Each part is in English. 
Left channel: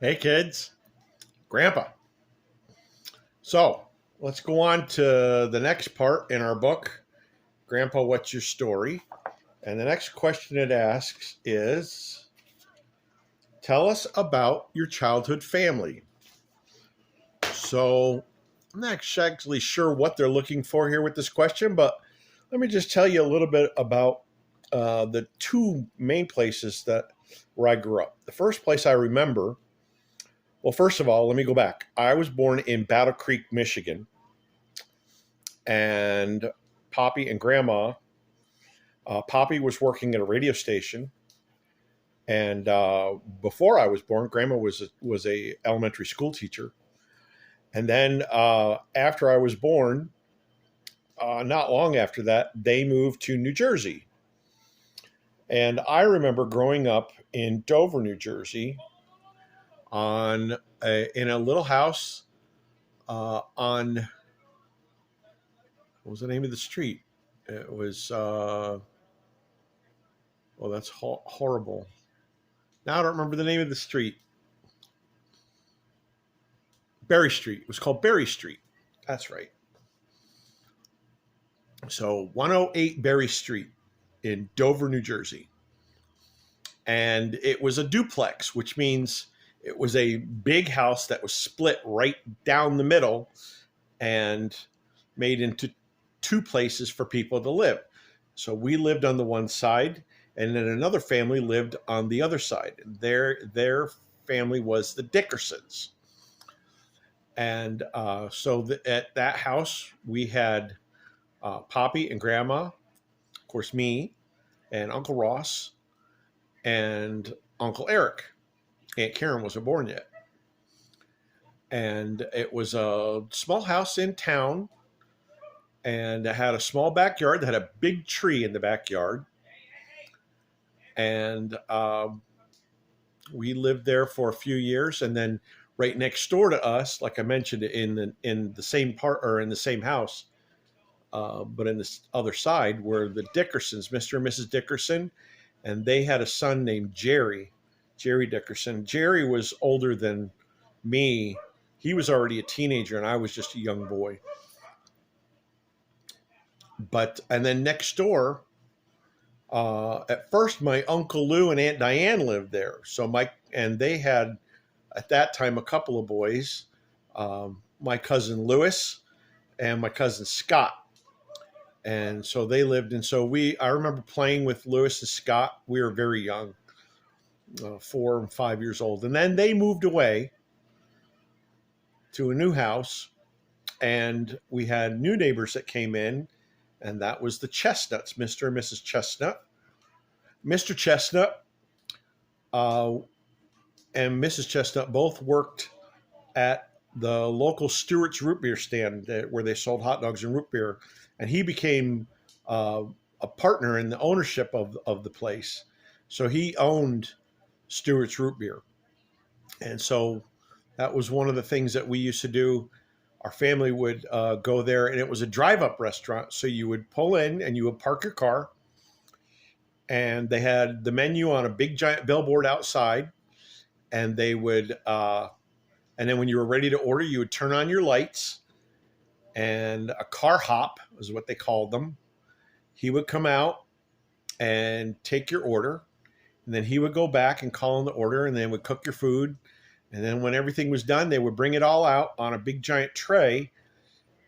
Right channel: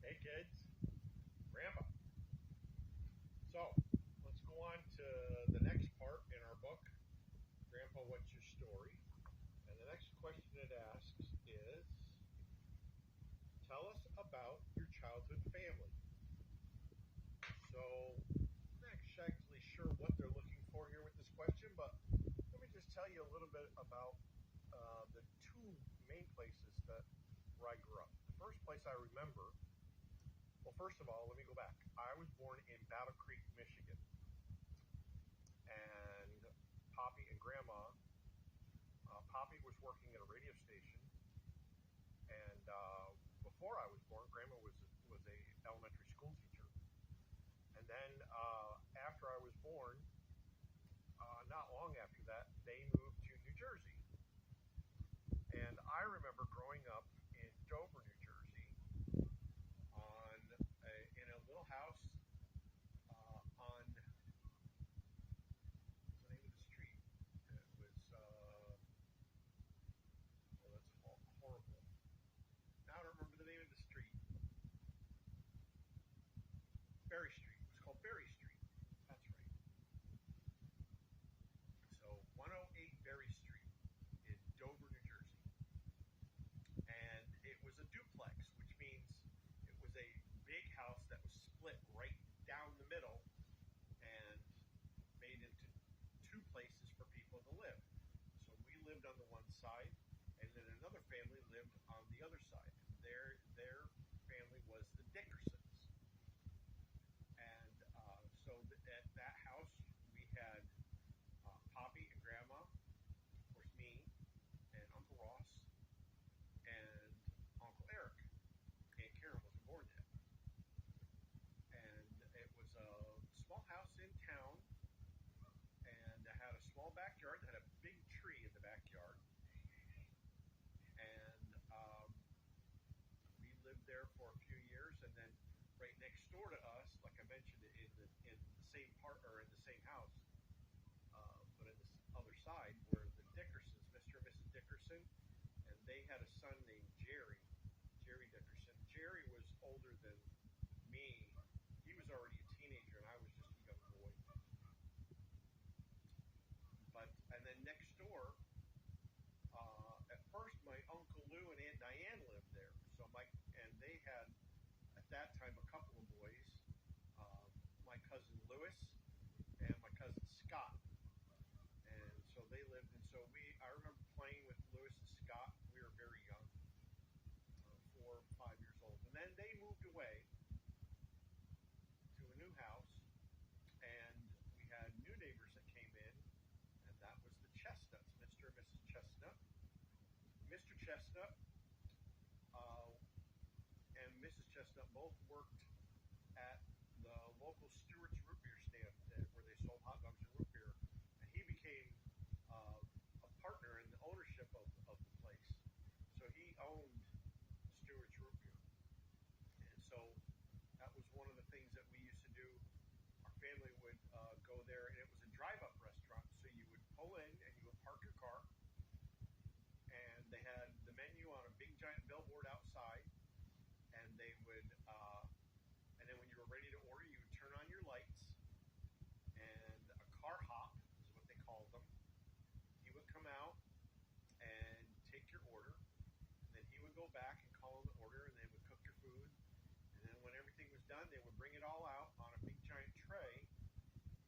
Hey kids, Grandpa. So let's go on to the next part in our book, Grandpa, What's Your Story? And the next question it asks is tell us about your childhood family. So I'm not exactly sure what they're looking for here with this question, but let me just tell you a little bit about the two main places that where I grew up. The first place I remember, well, first of all, let me go back. I was born in Battle Creek, Michigan, and Poppy and Grandma. Poppy was working at a radio station, and before I was born, Grandma was a elementary school teacher. And then after I was born, not long after that, they moved to New Jersey. And I remember growing up in Dover, New Jersey, in a little house on what was the name of the street? It was oh, that's horrible. Now I don't remember the name of the street. Berry Street. It was called Berry Street. That's right. So 108 Berry Street in Dover, New Jersey. And it was a duplex, which means it was a big house that was split right down the middle and made into two places for people to live. So we lived on the one side, and then another family lived on the other side. Their family was the Dickersons. And at that house, we had Poppy and Grandma, of course, me and Uncle Ross and Uncle Eric. Aunt Karen wasn't born yet. And it was a small house in town, and it had a small backyard that had a big tree in the backyard. And we lived there for a few years, and then right next door to us, like I mentioned, in the same part or in the same house, but in this other side were the Dickersons, Mr. and Mrs. Dickerson, and they had a son named Jerry Dickerson. Jerry was older than me. He was already a teenager, and I was just a young boy. And then next door, at first, my Uncle Lou and Aunt Diane lived there. And they had at that time a couple of boys, my cousin Lewis and my cousin Scott. And so they lived, and I remember playing with Lewis and Scott. We were very young, 4 and 5 years old. And then they moved away to a new house, and we had new neighbors that came in, and that was the Chestnuts, Mr. and Mrs. Chestnut. Mr. Chestnut uh, and Mrs. Chestnut both worked at the local Stewart's root beer stand where they sold hot dogs and root beer, and he became uh, a partner in the ownership of the place. So he owned Stewart's root beer, and so that was one of the things that we used to do. Our family would go there, and it was a drive-up restaurant. So you would pull in and you would park your car, and they had the menu on a big giant billboard outside, and they would and then when you were ready to order, you would turn on your lights, and a car hop is what they called them. He would come out and take your order, and then he would go back and call in the order, and then would cook your food. And then when everything was done, they would bring it all out on a big giant tray,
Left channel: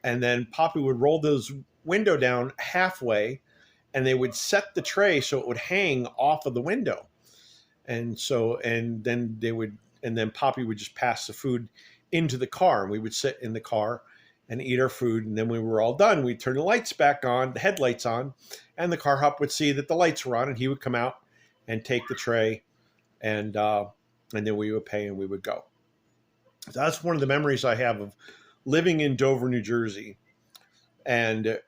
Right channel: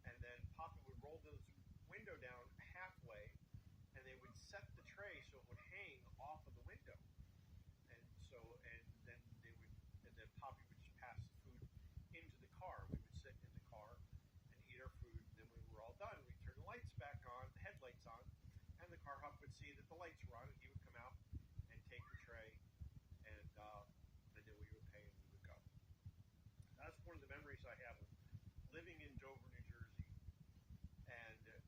and then Poppy would roll those window down halfway, and they would set the tray so it would hang off of the window. And then Poppy would just pass the food into the car, and we would sit in the car and eat our food. And then when we were all done, we'd turn the lights back on, the headlights on, and the car hop would see that the lights were on, and he would come out and take the tray, and then we would pay and we would go. So that's one of the memories I have of living in Dover, New Jersey. And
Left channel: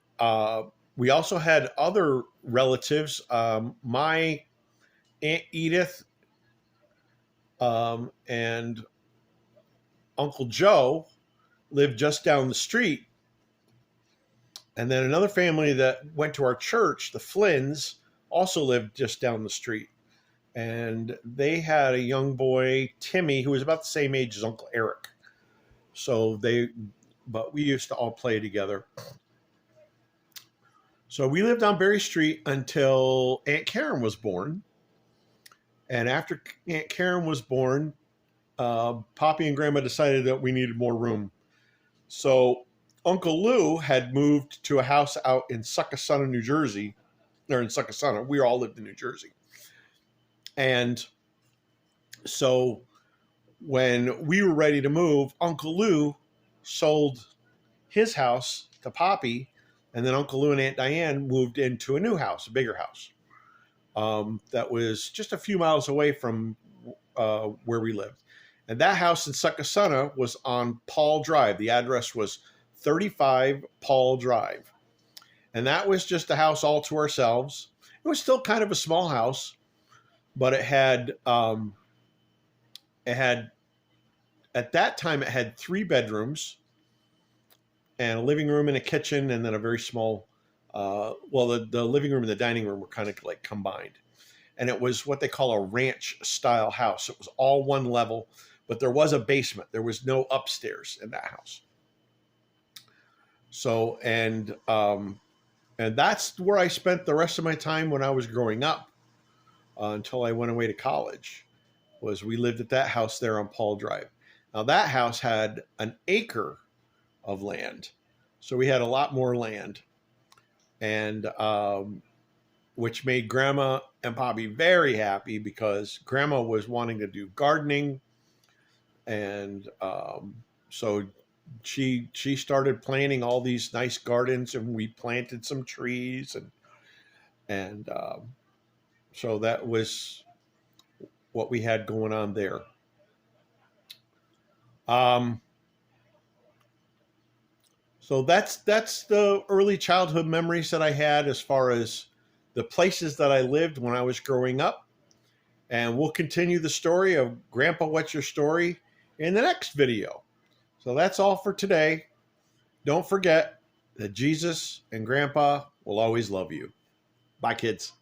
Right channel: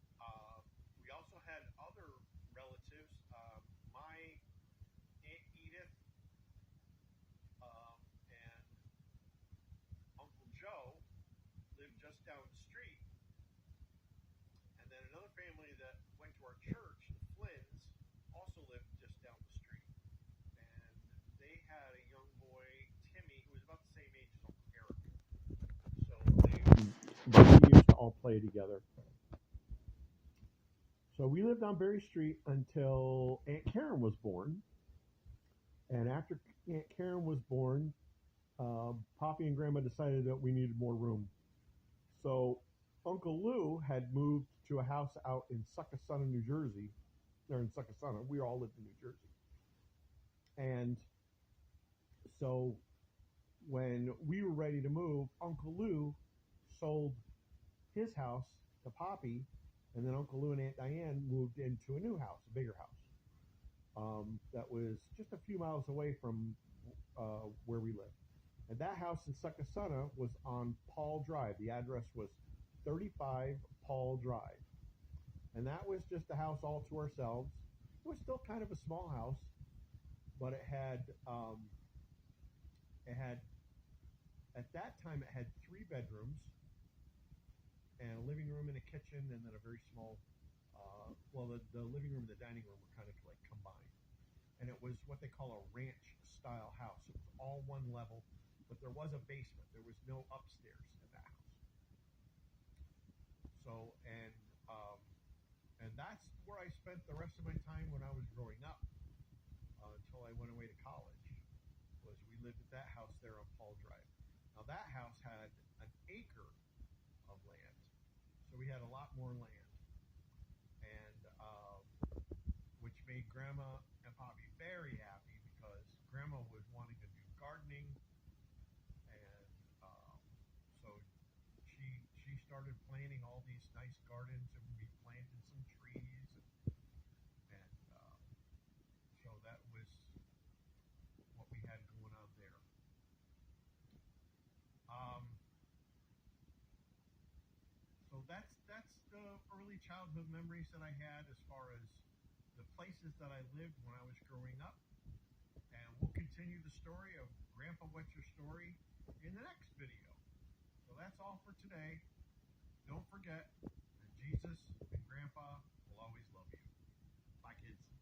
we also had other relatives. My Aunt Edith and Uncle Joe lived just down the street. And then another family that went to our church, the Flynns, also lived just down the street. and they had a young boy, Timmy, who was about the same age as Uncle Eric. So but we used to all play together. So we lived on Berry Street until Aunt Karen was born. And after Aunt Karen was born, Poppy and Grandma decided that we needed more room. So Uncle Lou had moved to a house out in Succossona, New Jersey, or in Succossona. We all lived in New Jersey. And so when we were ready to move, Uncle Lou sold his house to Poppy, and then Uncle Lou and Aunt Diane moved into a new house, a bigger house, that was just a few miles away from where we lived. And that house in Succossona was on Paul Drive. The address was 35 Paul Drive. And that was just a house all to ourselves. It was still kind of a small house, but it had at that time it had 3 bedrooms and a living room and a kitchen, and then a very small the living room and the dining room were kind of like combined. And it was what they call a ranch style house. It was all one level, but there was a basement. There was no upstairs in that house. So and that's where I spent the rest of my time when I was growing up, until I went away to college. Was we lived at that house there on Paul Drive. Now that house had an acre of land, so we had a lot more land, and which made Grandma and Poppy very happy, because Grandma was wanting to do gardening, and so she started planting all these nice gardens, and we planted some trees, and so that was what we had going on there. So that's the early childhood memories that I had as far as the places that I lived when I was growing up. And we'll continue the story of Grandpa, What's Your Story in the next video. So that's all for today. Don't forget that Jesus and Grandpa will always love you. Bye, kids.